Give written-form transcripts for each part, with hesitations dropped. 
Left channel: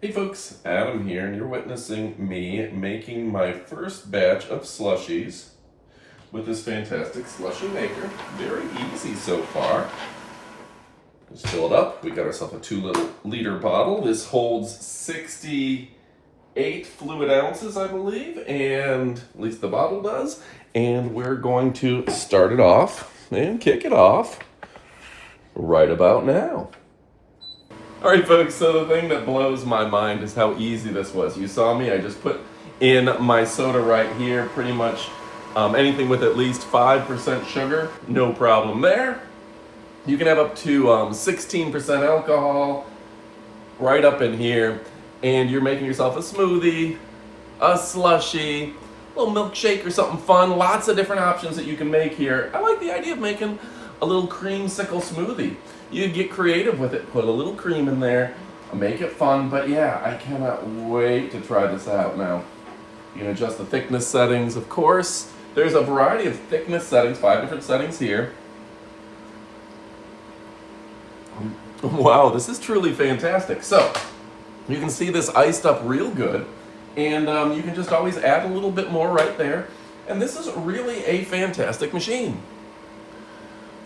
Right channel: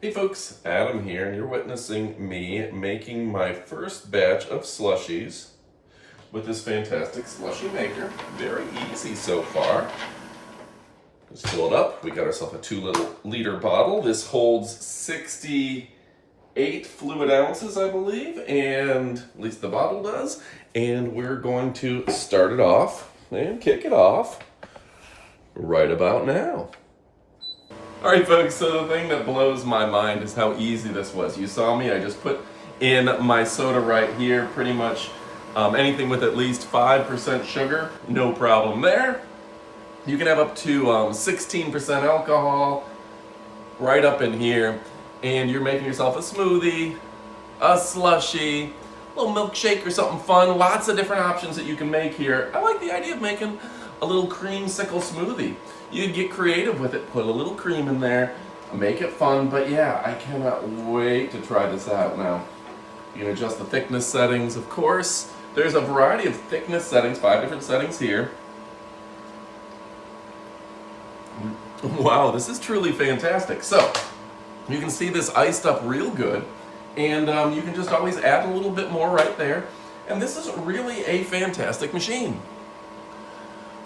Hey folks, Adam here, and you're witnessing me making my first batch of slushies with this fantastic slushie maker. Very easy so far. Just fill it up. We got ourselves a 2 liter bottle. This holds 68 fluid ounces, I believe, and at least the bottle does. And we're going to start it off and kick it off right about now. All right, folks, so the thing that blows my mind is how easy this was. You saw me, I just put in my soda right here, pretty much anything with at least 5% sugar, no problem there. You can have up to 16% alcohol right up in here, and you're making yourself a smoothie, a slushie, a little milkshake or something fun. Lots of different options that you can make here. I like the idea of making a little creamsicle smoothie. You can get creative with it, put a little cream in there, make it fun, but yeah, I cannot wait to try this out now. You can adjust the thickness settings, of course. There's a variety of thickness settings, 5 different settings here. Wow, this is truly fantastic. So, you can see this iced up real good, and you can just always add a little bit more right there. And this is really a fantastic machine.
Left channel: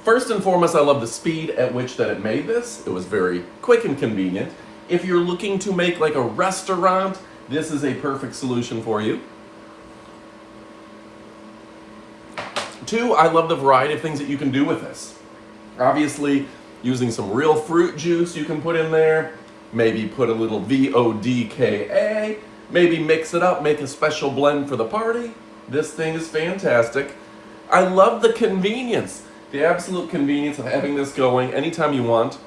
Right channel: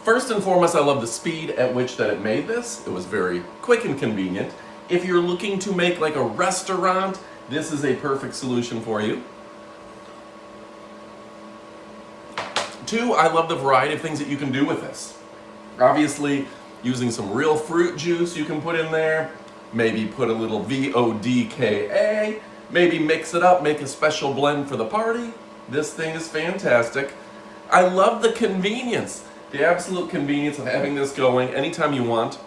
First and foremost, I love the speed at which that it made this. It was very quick and convenient. If you're looking to make like a restaurant, this is a perfect solution for you. 2, I love the variety of things that you can do with this. Obviously, using some real fruit juice you can put in there, maybe put a little vodka, maybe mix it up, make a special blend for the party. This thing is fantastic. I love the convenience. The absolute convenience of having this going anytime you want.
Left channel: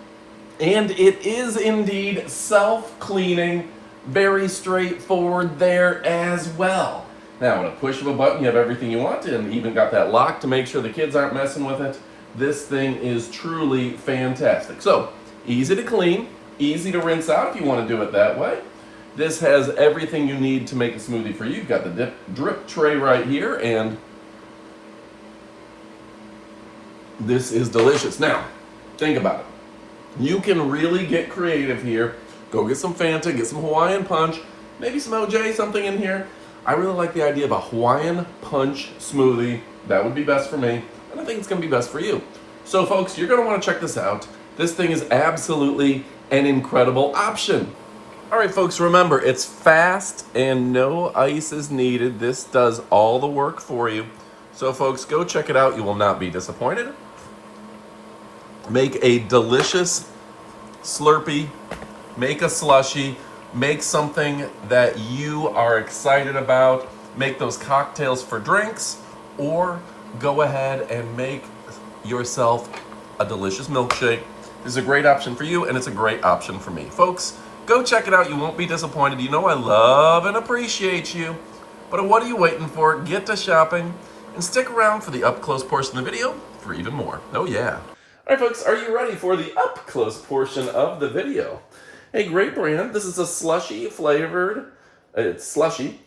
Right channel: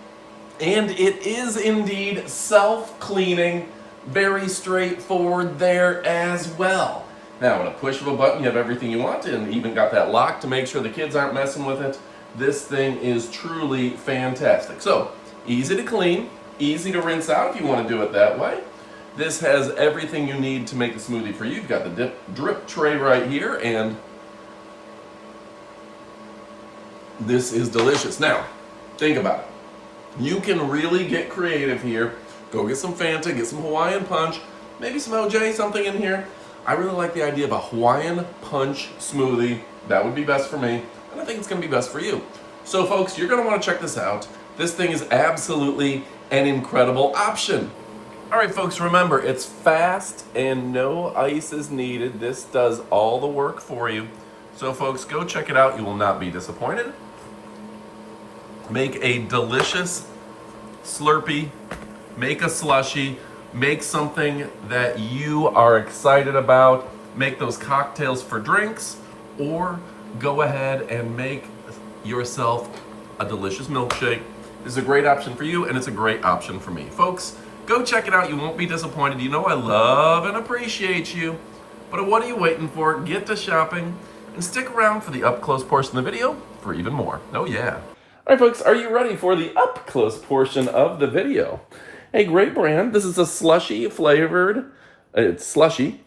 And it is indeed self-cleaning, very straightforward there as well. Now, with a push of a button, you have everything you want, and even got that lock to make sure the kids aren't messing with it. This thing is truly fantastic. So, easy to clean, easy to rinse out if you want to do it that way. This has everything you need to make a smoothie for you. You've got the drip tray right here, and this is delicious. Now, think about it. You can really get creative here. Go get some Fanta, get some Hawaiian Punch, maybe some OJ, something in here. I really like the idea of a Hawaiian Punch smoothie. That would be best for me, and I think it's gonna be best for you. So folks, you're gonna wanna check this out. This thing is absolutely an incredible option. All right, folks, remember, it's fast and no ice is needed. This does all the work for you. So folks, go check it out. You will not be disappointed. Make a delicious Slurpee, make a slushie, make something that you are excited about, make those cocktails for drinks, or go ahead and make yourself a delicious milkshake. This is a great option for you, and it's a great option for me. Folks, go check it out. You won't be disappointed. You know I love and appreciate you. But what are you waiting for? Get to shopping and stick around for the up-close portion of the video for even more. Oh yeah. All right, folks, are you ready for the up-close portion of the video? Hey, great brand. This is a slushy flavored, it's slushy,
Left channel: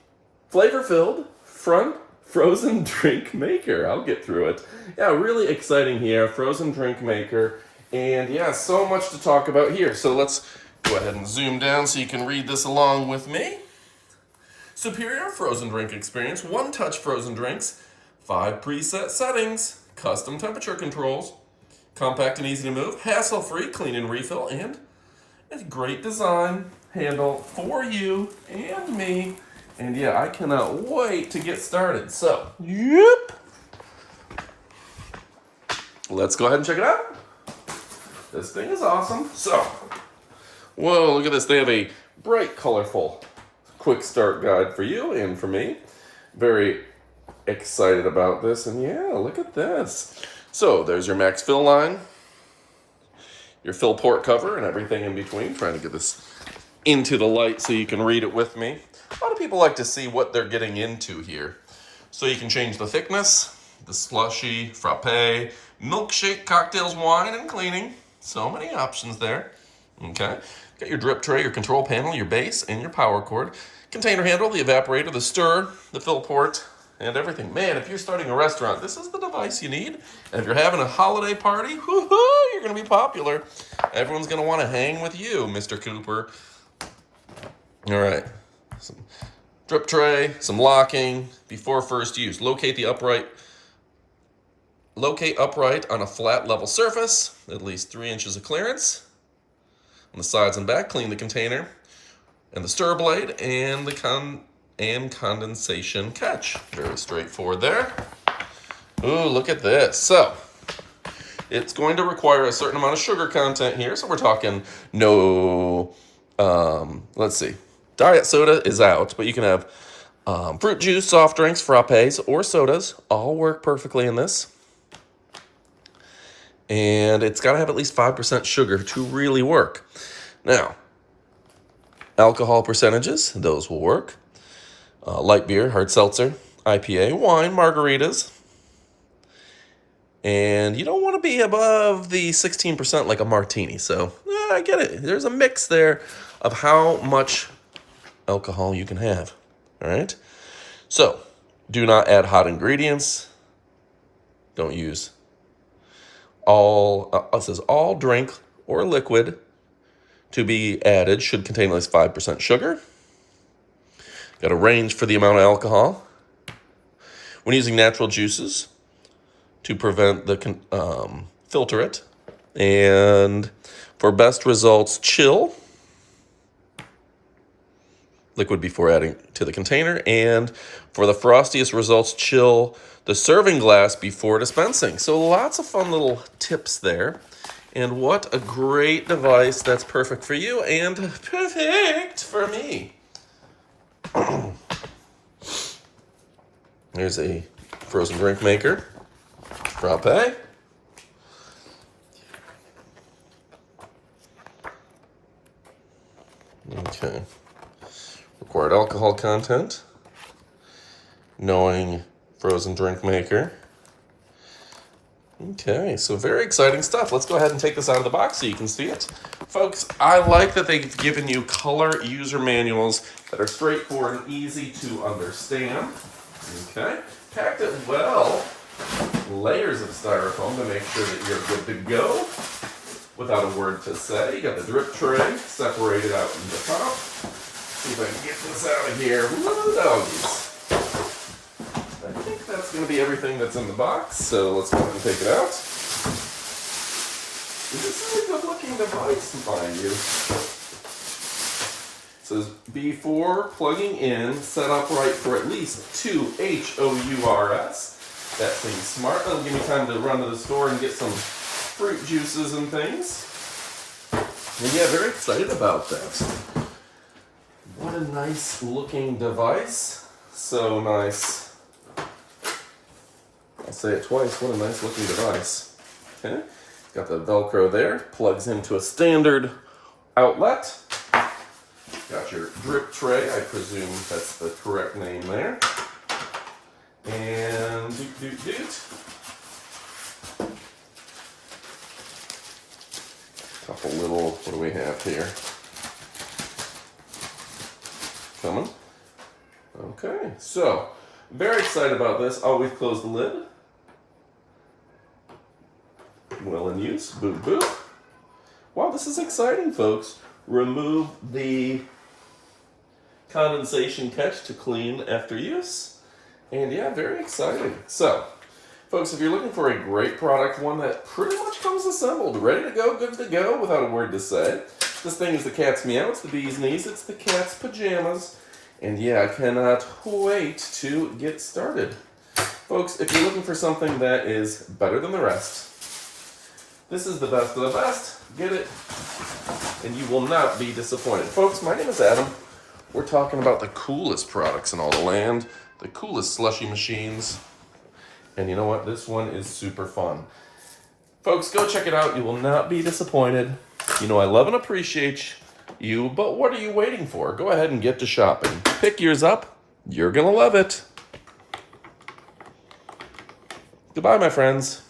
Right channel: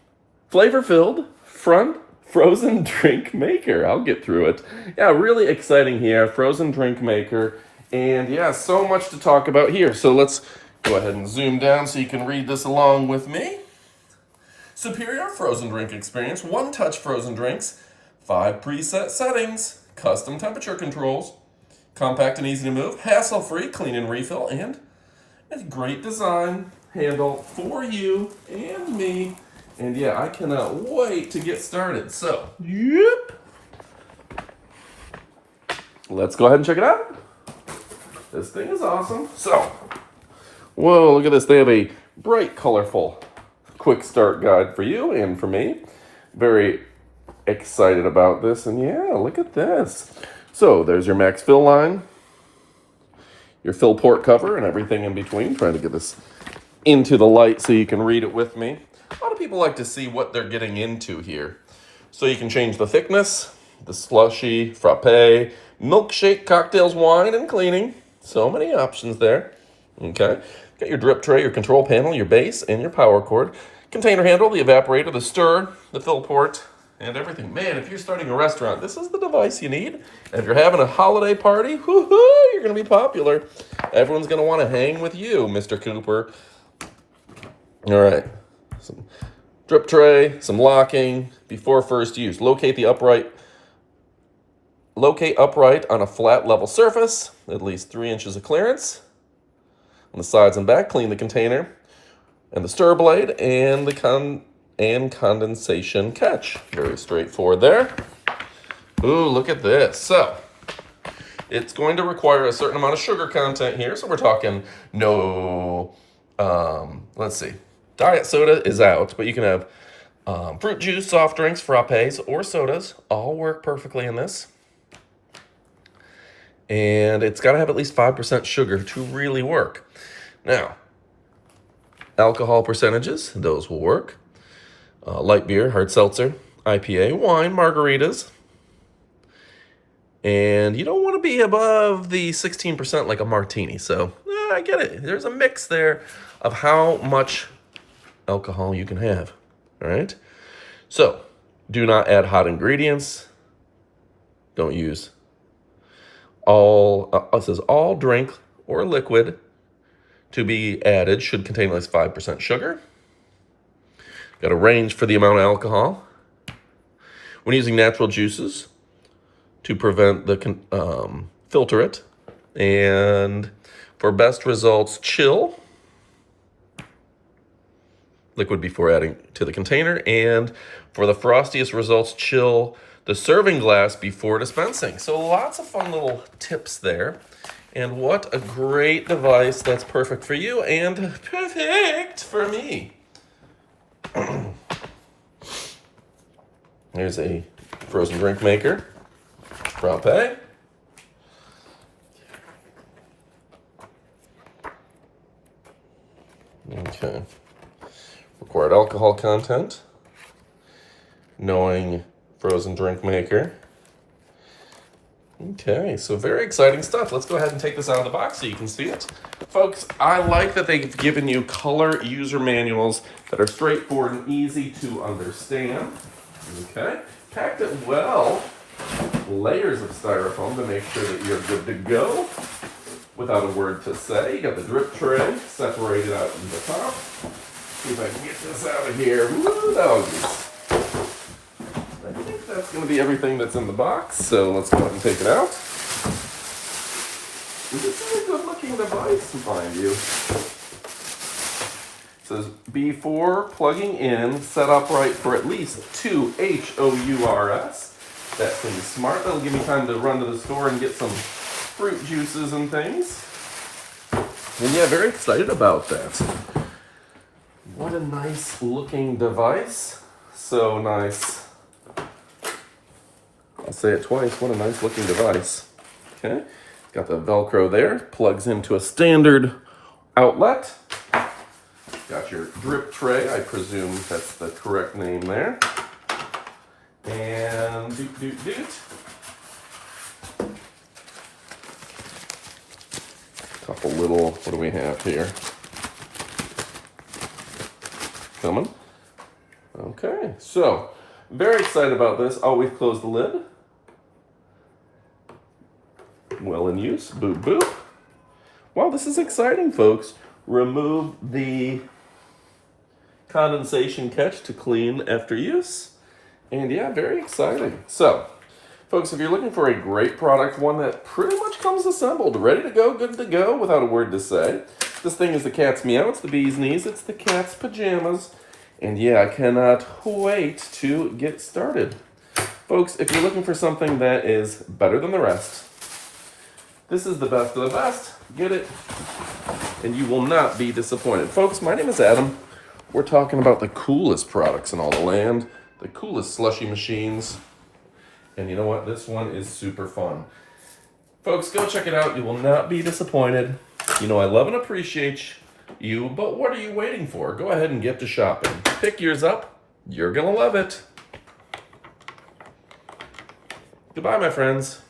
flavor-filled, front frozen drink maker. I'll get through it. Yeah, really exciting here, frozen drink maker. And yeah, so much to talk about here. So let's go ahead and zoom down so you can read this along with me. Superior frozen drink experience, one-touch frozen drinks, 5 preset settings, custom temperature controls, compact and easy to move, hassle-free, clean and refill, and a great design handle for you and me. And yeah, I cannot wait to get started. So, yep. Let's go ahead and check it out. This thing is awesome. So, whoa, look at this. They have a bright, colorful quick start guide for you and for me. Very excited about this. And yeah, look at this. So there's your max fill line, your fill port cover, and everything in between. Trying to get this into the light so you can read it with me. A lot of people like to see what they're getting into here. So you can change the thickness, the slushy, frappe, milkshake, cocktails, wine, and cleaning. So many options there. Okay. Got your drip tray, your control panel, your base, and your power cord. Container handle, the evaporator, the stir, the fill port, and everything. Man, if you're starting a restaurant, this is the device you need. And if you're having a holiday party, whoo-hoo, you're going to be popular. Everyone's going to want to hang with you, Mr. Cooper. All right, some drip tray, some locking before first use. Locate upright on a flat level surface, at least 3 inches of clearance. On the sides and back, clean the container and the stir blade and the condensation catch. Very straightforward there. Ooh, look at this. So it's going to require a certain amount of sugar content here. So we're talking no, let's see. Diet soda is out, but you can have fruit juice, soft drinks, frappes, or sodas. All work perfectly in this. And it's got to have at least 5% sugar to really work. Now, alcohol percentages, those will work. Light beer, hard seltzer, IPA, wine, margaritas. And you don't want to be above the 16% like a martini. So, I get it. There's a mix there of how much alcohol you can have. All right? So, do not add hot ingredients. Don't use it says all drink or liquid to be added should contain at least 5% sugar. Got a range for the amount of alcohol. When using natural juices, to prevent the filter it. And for best results, chill liquid before adding to the container. And for the frostiest results, chill the serving glass before dispensing. So lots of fun little tips there. And what a great device that's perfect for you and perfect for me. There's a frozen drink maker. Frappe. Okay. Required alcohol content. Knowing frozen drink maker. Okay, so very exciting stuff. Let's go ahead and take this out of the box so you can see it. Folks, I like that they've given you color user manuals that are straightforward and easy to understand. Okay, packed it well. Layers of styrofoam to make sure that you're good to go without a word to say. You got the drip tray separated out in the top. See if I can get this out of here. Woo, doggies. I think that's going to be everything that's in the box, so let's go ahead and take it out. This is a good looking device, mind you. It says, before plugging in, set upright for at least 2 HOURS. That seems smart. That'll give me time to run to the store and get some fruit juices and things. And yeah, very excited about that. What a nice looking device. So nice. I'll say it twice. What a nice looking device. Okay. Got the Velcro there. Plugs into a standard outlet. Got your drip tray. I presume that's the correct name there. And doot. Couple little, what do we have here? Coming. Okay, so very excited about this. Always close the lid. Well in use. Boop, boop. Wow, this is exciting, folks. Remove the condensation catch to clean after use. And yeah, very exciting. So, folks, if you're looking for a great product, one that pretty much comes assembled, ready to go, good to go, without a word to say. This thing is the cat's meow, it's the bee's knees, it's the cat's pajamas. And yeah, I cannot wait to get started. Folks, if you're looking for something that is better than the rest, this is the best of the best. Get it, and you will not be disappointed. Folks, my name is Adam. We're talking about the coolest products in all the land, the coolest slushy machines. And you know what? This one is super fun. Folks, go check it out. You will not be disappointed. You know I love and appreciate you, but what are you waiting for? Go ahead and get to shopping. Pick yours up. You're going to love it. Goodbye, my friends.